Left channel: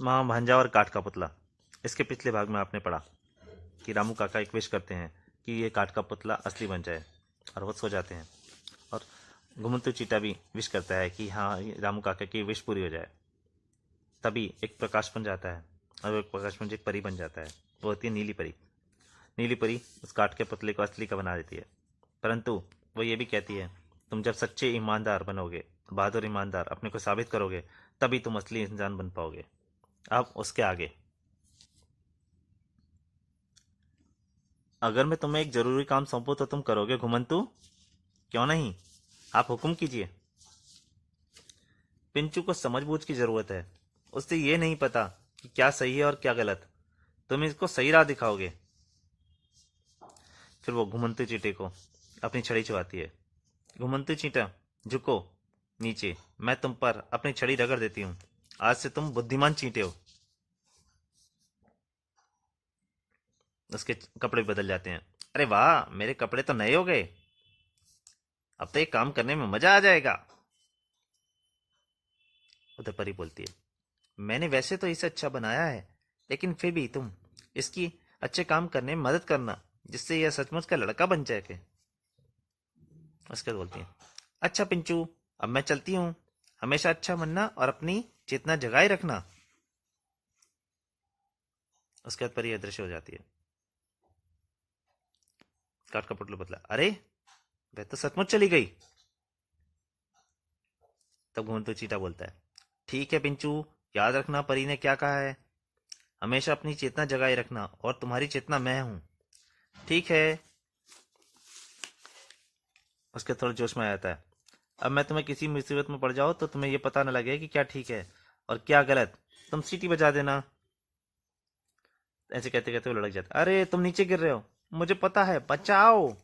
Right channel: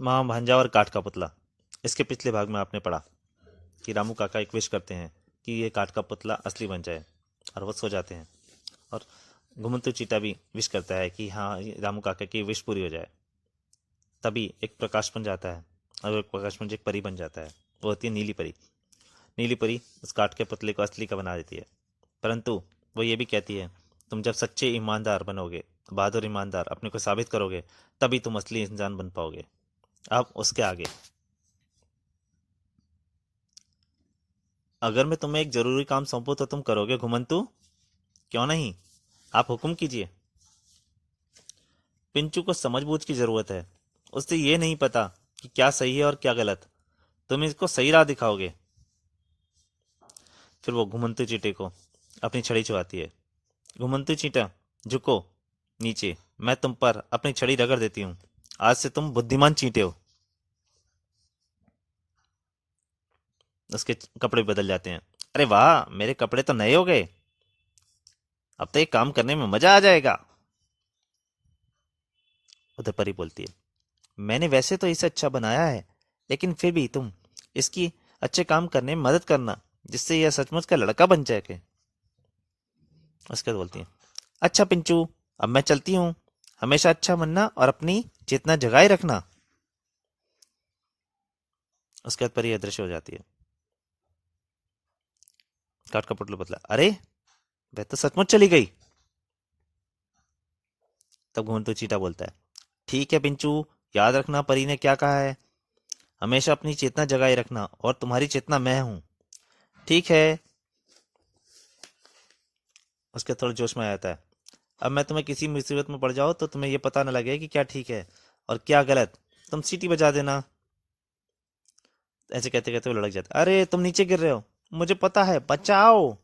माँ भांजा और काठ का पुतला। इसके पिछले भाग में आपने पढ़ा कि रामू काका एक विश करते हैं कि ये काठ का पुतला असली बन जाए, और वो सो जाते हैं। और घुमंतू चीटा भी विश करता है कि हाँ, ये रामू काका की विश पूरी हो जाए। तभी एक प्रकाश बन जाता है, और वो प्रकाश पुंज एक परी बन जाता है। वो होती है नीली परी। नीली परी उस काठ के पुतले को असली का बना देती है, परंतु वो ये भी कहती है, तुम जब सच्चे ईमानदार बनोगे, बहादुर ईमानदार अपने को साबित करोगे, तभी तुम असली इंसान बन पाओगे। अब उसके आगे, अगर मैं तुम्हें एक जरूरी काम सौंपूं तो तुम करोगे घुमंतू? क्यों नहीं, आप हुक्म कीजिए। पिंचू को समझबूझ की जरूरत है। उससे ये नहीं पता कि क्या सही है और क्या गलत। तुम इसको सही राह दिखाओगे। फिर वो घुमंतू चींटे को अपनी छड़ी चुभाती है। घुमंतू चींटा, झुको नीचे, मैं तुम पर अपनी छड़ी रगड़ देती हूँ। आज से तुम बुद्धिमान चींटे हो। उसके कपड़े बदल जाते हैं। अरे वाह, मेरे कपड़े तो नए हो गए। अब तो एक काम करने में मजा आ जाएगा। उधर परी बोलती है, मैंने वैसे तो इसे अच्छा बनाया है, लेकिन फिर भी तुम इसकी अच्छे काम करने में मदद करना, जिससे यह सचमुच का लड़का बन जाए। उसके बाद बोलती है, अच्छा पिंचू, अब मैं चलती हूँ। हमेशा अच्छा बनना और अपनी चेतना जगाए रखना। उसके बाद परी अदृश्य हो जाती है। काट का पुतला बदला, अरे वह तो सचमुच चली गई। तब घूमतू चीटा बोलता है, ठीक है पिंचू, याद रखना परी ने क्या कहा है। हमेशा अपनी चेतना जगाए रखना, और तुम्हारी चेतना मैं हूं। ठीक है। उसके थोड़ा जोश में आ जाता है। अब मैं तुम्हें किसी मुसीबत में पड़ जाओ तो तुम्हें यह पता न लगे कि क्या ठीक है और क्या गलत। तुम सीटी बजा देना। ऐसे कहते कहते वो लड़क जाता है। अरे तुम नीचे गिर रहे हो, मुझे पता है, बचाओ।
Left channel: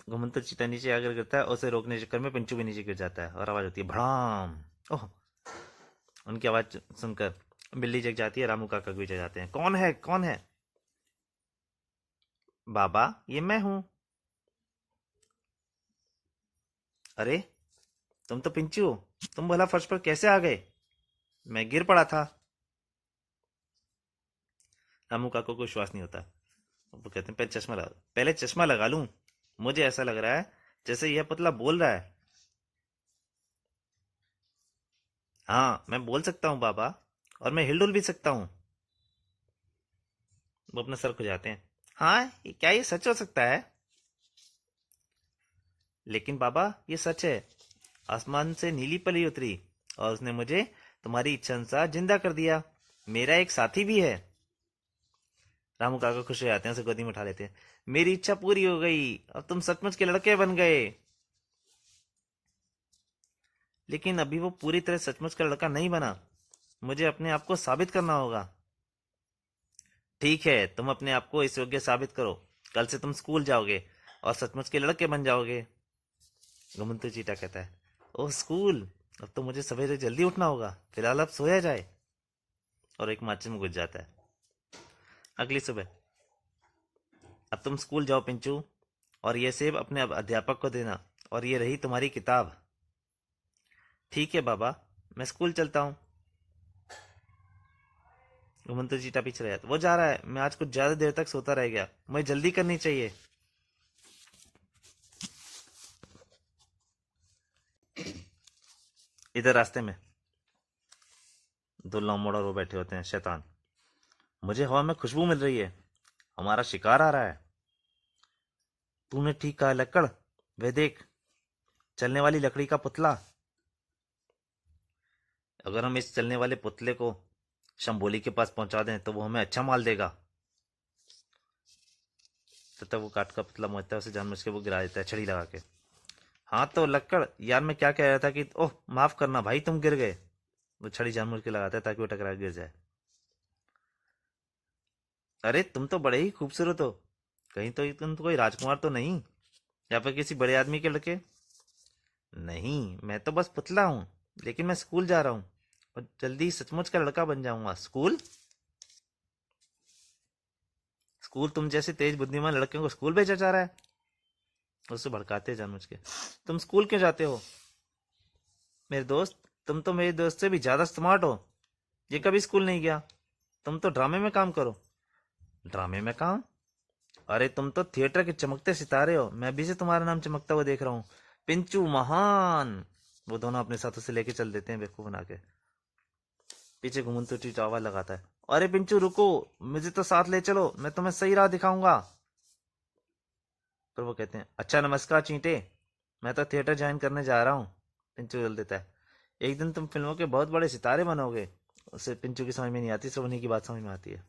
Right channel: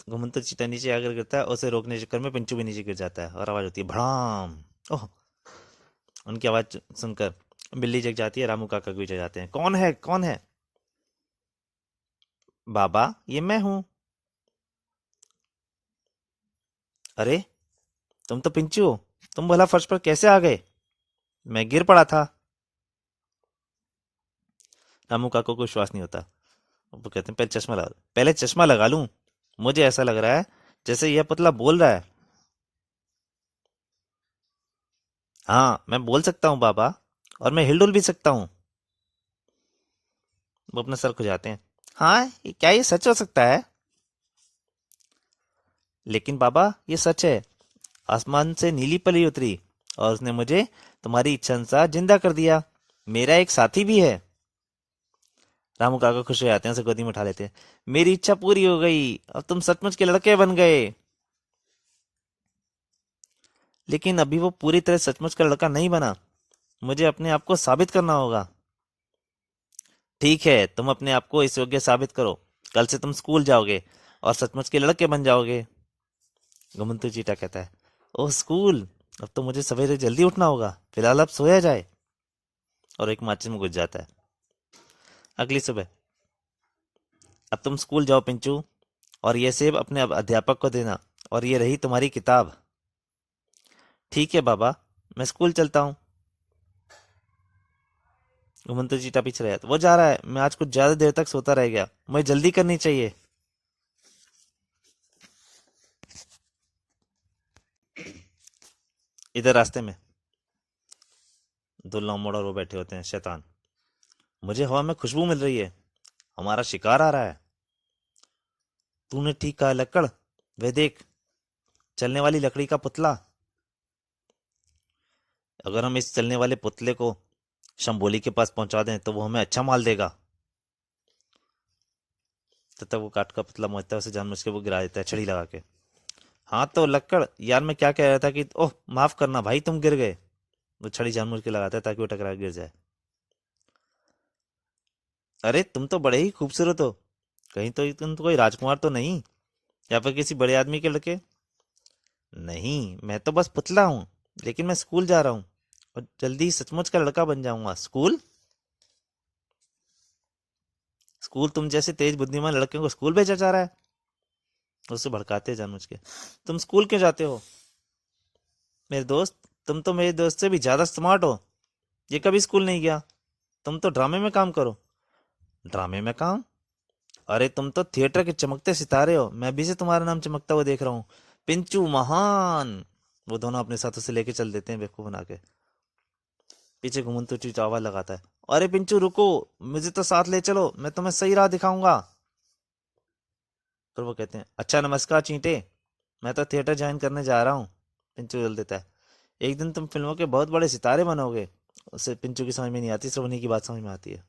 घुमंतु चीता नीचे आकर गिरता है, उसे रोकने के चक्कर में पिंचू भी नीचे गिर जाता है, और आवाज होती है भड़ाम। ओह। उनकी आवाज सुनकर बिल्ली जग जाती है। रामू काका भी जग जाते हैं। कौन है, कौन है? बाबा, ये मैं हूं। अरे तुम तो पिंचू हो, तुम भला फर्श पर कैसे आ गए? मैं गिर पड़ा था। रामू काका को विश्वास नहीं होता। वो कहते हैं, पहले चश्मा लगा लूं। मुझे ऐसा लग रहा है जैसे यह पुतला बोल रहा है। हाँ, मैं बोल सकता हूँ बाबा, और मैं हिलडुल भी सकता हूँ। वो अपना सर खुजाते हैं। हाँ, क्या ये सच हो सकता है? लेकिन बाबा, ये सच है। आसमान से नीली परी उतरी, और उसने मुझे तुम्हारी इच्छा अनुसार जिंदा कर दिया। मेरा एक साथी भी है। रामू काका खुश हो जाते हैं, उसे गोदी में उठा लेते हैं। मेरी इच्छा पूरी हो गई, अब तुम सचमुच के लड़के बन गए। लेकिन अभी वो पूरी तरह सचमुच का लड़का नहीं बना। मुझे अपने आप को साबित करना होगा। ठीक है, तुम अपने आप को इस योग्य साबित करो। कल से तुम स्कूल जाओगे और सचमुच के लड़के बन जाओगे। घुमंतू चीटा कहता है, ओह स्कूल, अब तो मुझे सवेरे जल्दी उठना होगा। फिलहाल अब सोया जाए। और एक माचिस में घुस जाता है। अगली सुबह, अब तुम स्कूल जाओ पिंचू, और ये सेब अपने अध्यापक को देना, और ये रही तुम्हारी किताब। ठीक है बाबा, मैं स्कूल चलता हूँ। घुमंतू चीटा पीछे रहा, वो जा रहा है, मैं आज कुछ ज्यादा देर तक सोता रह गया, मुझे जल्दी करनी चाहिए। इधर रास्ते में दुल्ला मोड़ और वो बैठे होते हैं शैतान। मुझे हवा में खुशबू मिल रही है, हमारा शिकार आ रहा है। तूने ठीक कहा लक्कड़, वे देख, चलने वाली लकड़ी का पुतला। अगर हम इस चलने वाले पुतले को शंभोली के पास पहुंचा दें तो वो हमें अच्छा माल देगा। तब तक वो काठ का पुतला पहुंचता है, उसे जानबूझ के वो गिरा देता है छड़ी लगा के। हाँ तो लक्कड़ यार, मैं क्या कह रहा था कि ओह माफ करना भाई, तुम गिर गए। वो छड़ी जानबूझ के लगाता है ताकि वो टकरा के गिर जाए। अरे तुम तो बड़े ही खूबसूरत हो, कहीं तो तुम तो कोई राजकुमार तो नहीं, या फिर किसी बड़े आदमी के लड़के? नहीं, मैं तो बस पुतला हूँ, लेकिन मैं स्कूल जा रहा हूँ, और जल्दी ही सचमुच का लड़का बन जाऊंगा। स्कूल? स्कूल? तुम जैसे तेज बुद्धिमान लड़के को स्कूल भेजा जा रहा है? उससे भड़काते हैं जानबूझ के। तुम स्कूल क्यों जाते हो मेरे दोस्त? तुम तो मेरे दोस्त से भी ज्यादा स्मार्ट हो। ये कभी स्कूल नहीं गया। तुम तो ड्रामे में काम करो। ड्रामे में काम? अरे तुम तो थिएटर के चमकते सितारे हो, मैं भी से तुम्हारा नाम चमकता हुआ देख रहा हूँ। पिंचू महान। वो दोनों अपने साथों से लेके चल देते हैं बेवकूफ बना के। पीछे घुमंतु चीट आवाज लगाता है, अरे पिंचू रुको, मुझे तो साथ ले चलो, मैं तुम्हें सही राह दिखाऊंगा। फिर वो कहते हैं, अच्छा नमस्कार चींटे, मैं तो थिएटर ज्वाइन करने जा रहा हूँ। पिंचू बोल देता है, एक दिन तुम फिल्मों के बहुत बड़े सितारे बनोगे। उसे पिंचू की समझ में नहीं आती, सिर्फ उन्हीं की बात समझ में आती है।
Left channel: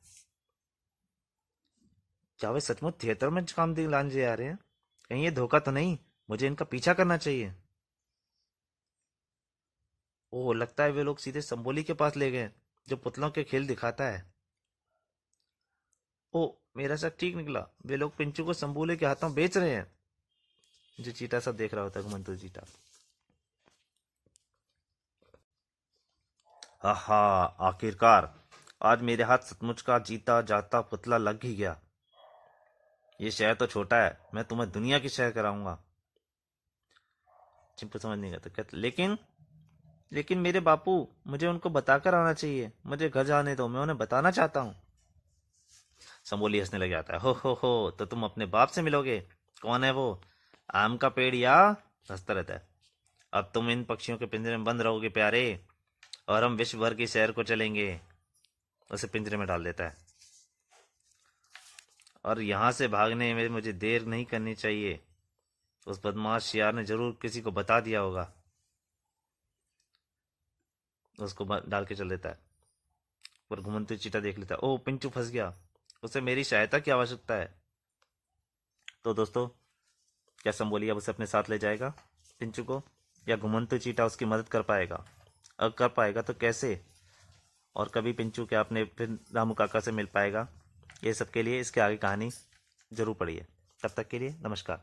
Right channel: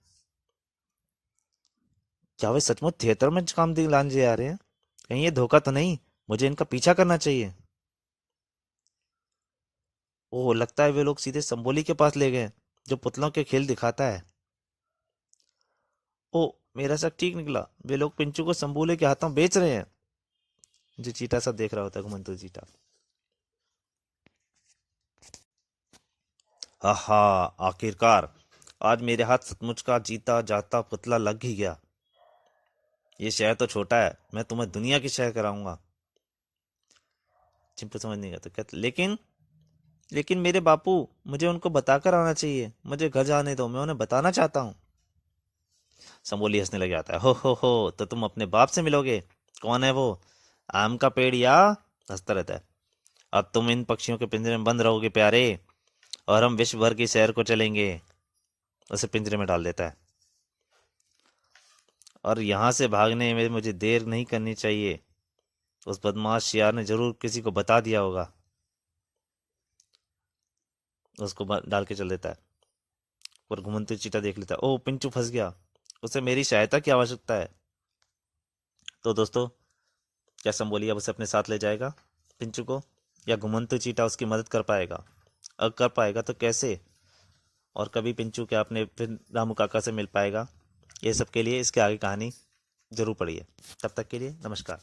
क्या वे सचमुच थिएटर में काम दिलाने जा रहे हैं? कहीं ये धोखा तो नहीं? मुझे इनका पीछा करना चाहिए। ओह, लगता है वे लोग सीधे संबोली के पास ले गए, जो पुतलों के खेल दिखाता है। ओ, मेरा शक ठीक निकला, वे लोग पिंचू को संबोले के हाथों बेच रहे हैं। जो चीटा सब देख रहा होता है, घुमंतु चीटा। आहा, आखिरकार आज मेरे हाथ सचमुच का जीता जाता पुतला लग ही गया। ये शहर तो छोटा है, मैं तुम्हें दुनिया की शहर कराऊंगा। चिंपू समझ नहीं गया तो कहते, लेकिन लेकिन मेरे बापू, मुझे उनको बताकर आना चाहिए, मुझे घर जाने दो, मैं उन्हें बताना चाहता हूँ। संबोली हंसने लग जाता है, हो तो तुम अपने बाप से मिलोगे? कौन है वो, आम का पेड़ या? हंसता रहता है, अब तुम इन पक्षियों के पिंजरे में बंद रहोगे प्यारे, और हम विश्व भर की सैर को चलेंगे। उसे पिंजरे में डाल देता है। और यहाँ से भागने में मुझे देर नहीं करनी चाहिए, उस बदमाश शियार ने जरूर किसी को बता दिया होगा। उसको डाल के चल देता है। और घुमंतु चीटा देख लेता है, ओह पिंचू फंस गया, उसे मेरी सहायता की आवश्यकता है। तो दोस्तों, क्या संबोली अब उसे अपने साथ ले जाएगा, पिंचू को, या घुमंतु चीटा उसकी मदद कर पाएगा? अगर कर पाएगा तो कैसे? और कभी पिंचू क्या अपने फिर रामू काका से मिल पाएगा? ये सब के लिए इसके आगे कहानी जरूर पढ़िए। तब तक के लिए नमस्कार।